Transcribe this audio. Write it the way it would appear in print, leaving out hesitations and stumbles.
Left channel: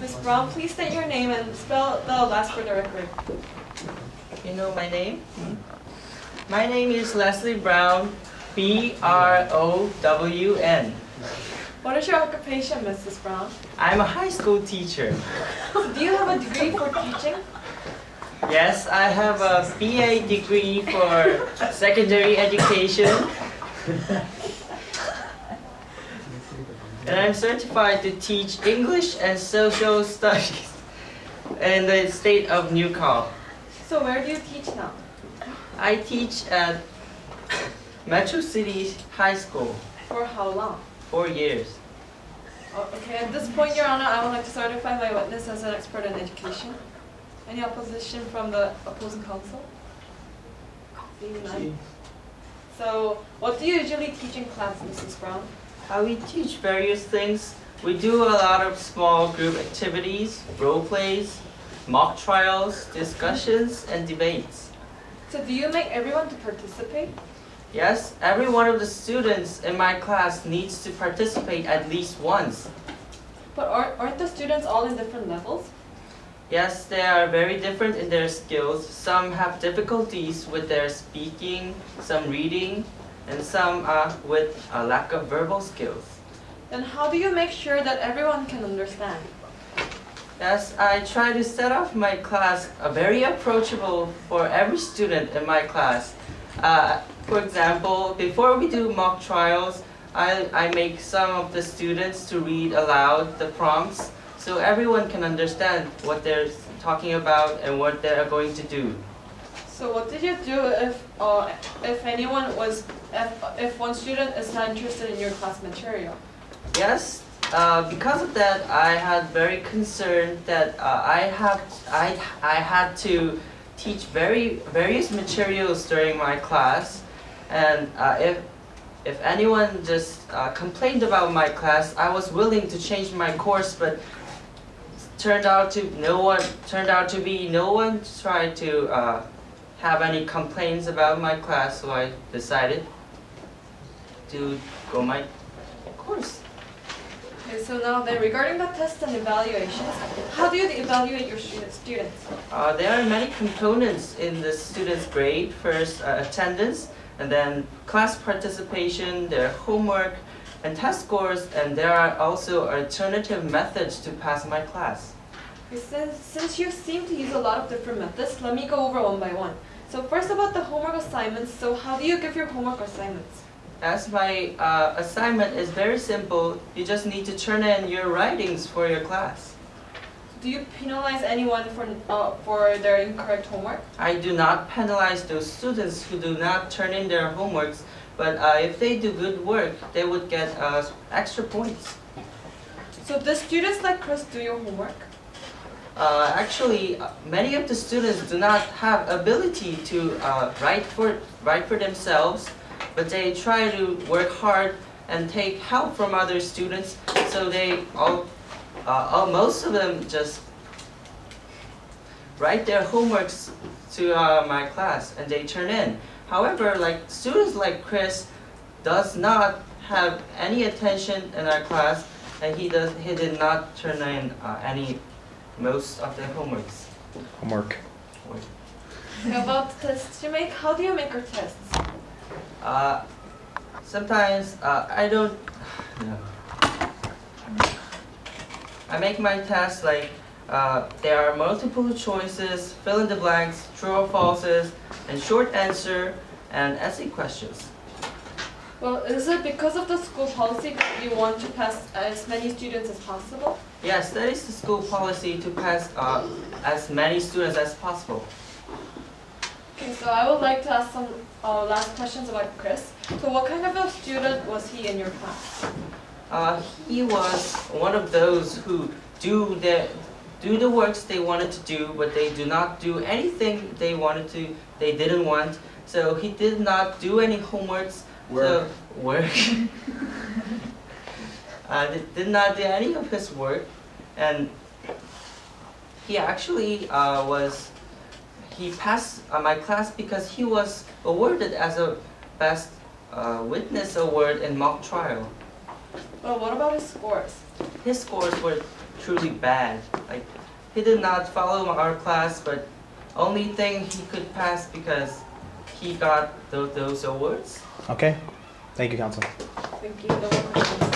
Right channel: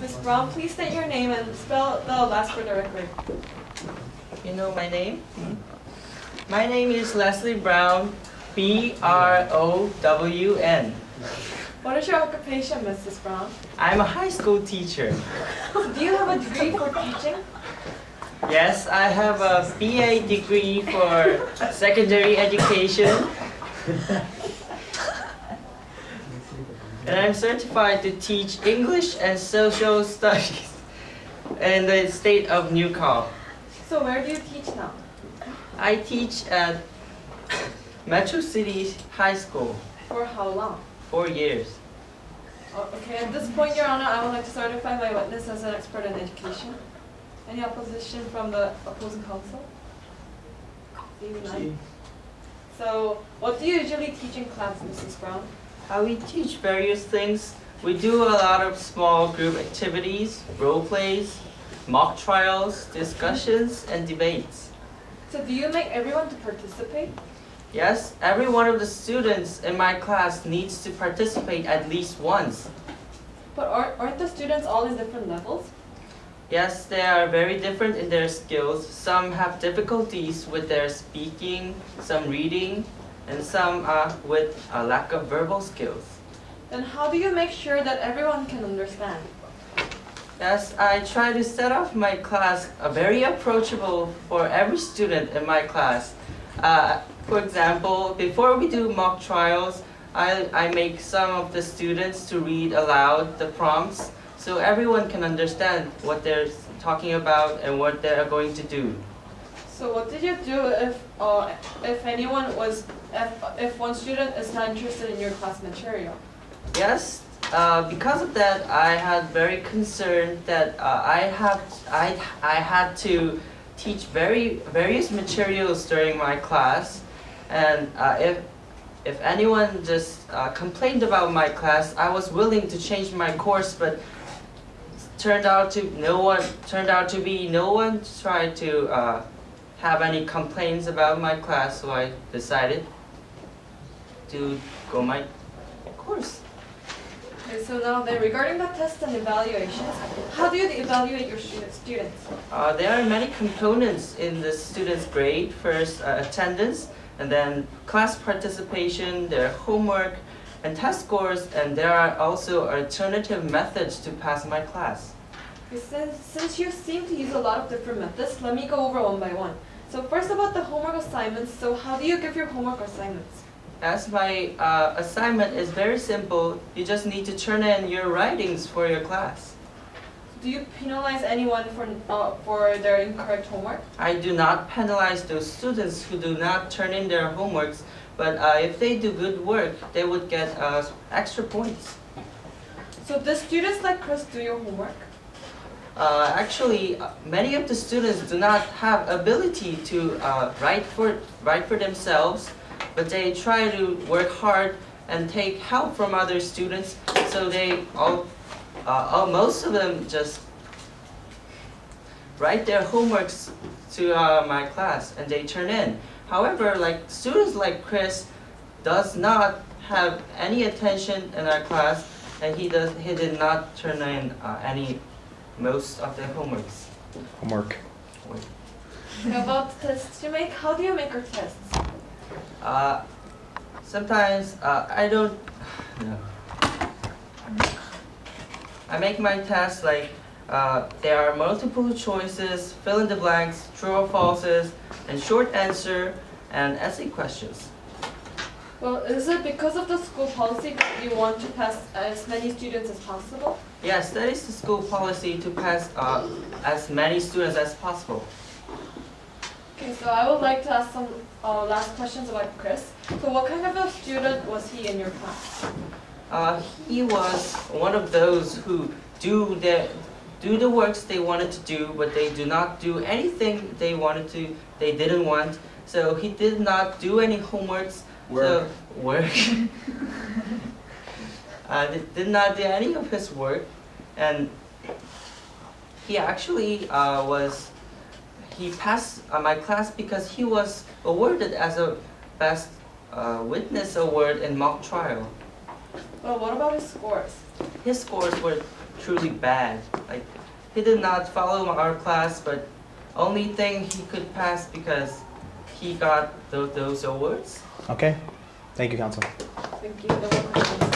Ms. Brown, please state your name and spell the last for the record. You know my name? My name is Leslie Brown, B-R-O-W-N. What is your occupation, Mrs. Brown? I'm a high school teacher. Do you have a degree for teaching? Yes, I have a BA degree for secondary education. And I'm certified to teach English and social studies in the state of Newcastle. So where do you teach now? I teach at Metro City High School. For how long? 4 years. Oh, okay, at this point, Your Honor, I would like to certify my witness as an expert in education. Any opposition from the opposing counsel? Seeing none. So, what do you usually teach in class, Mrs. Brown? We teach various things. We do a lot of small group activities, role plays, mock trials, discussions, and debates. So do you make everyone to participate? Yes, every one of the students in my class needs to participate at least once. But aren't the students all in different levels? Yes, they are very different in their skills. Some have difficulties with their speaking, some reading, and some with a lack of verbal skills. Then how do you make sure that everyone can understand? Yes, I try to set off my class very approachable for every student in my class. For example, before we do mock trials, I make some of the students to read aloud the prompts so everyone can understand what they're talking about and what they're going to do. So what did you do if one student is not interested in your class material? Yes, because of that, I had very concerned that I had to teach various materials during my class, and if anyone just complained about my class, I was willing to change my course, but turned out to no one tried to have any complaints about my class, so I decided to go my course. Okay, so now then, regarding the tests and evaluations, how do you evaluate your students? There are many components in the student's grade. First, attendance, and then class participation, their homework, and test scores, and there are also alternative methods to pass my class. Okay, since you seem to use a lot of different methods, let me go over one by one. So first about the homework assignments, so how do you give your homework assignments? As my assignment is very simple, you just need to turn in your writings for your class. Do you penalize anyone for their incorrect homework? I do not penalize those students who do not turn in their homeworks, but if they do good work, they would get extra points. So do students like Chris do your homework? Actually, many of the students do not have ability to write for themselves, but they try to work hard and take help from other students, so they most of them just write their homeworks to my class and they turn in. However, like students like Chris does not have any attention in our class, and he did not turn in most of the homeworks. Homework. About the tests you make, how do you make your tests? Sometimes I don't. No. I make my tests like there are multiple choices, fill in the blanks, true or falses, and short answer, and essay questions. Well, is it because of the school policy that you want to pass as many students as possible? Yes, that is the school policy, to pass as many students as possible. Okay, so I would like to ask some last questions about Chris. So what kind of a student was he in your class? He was one of those who do the works they wanted to do, but they do not do anything they didn't want. So he did not do any homeworks. Work. Did not do any of his work, and he actually he passed my class because he was awarded as a best witness award in mock trial. Well, what about his scores? His scores were truly bad. Like, he did not follow our class, but only thing he could pass because he got those awards. Okay. Thank you, Council. Thank you. No more questions.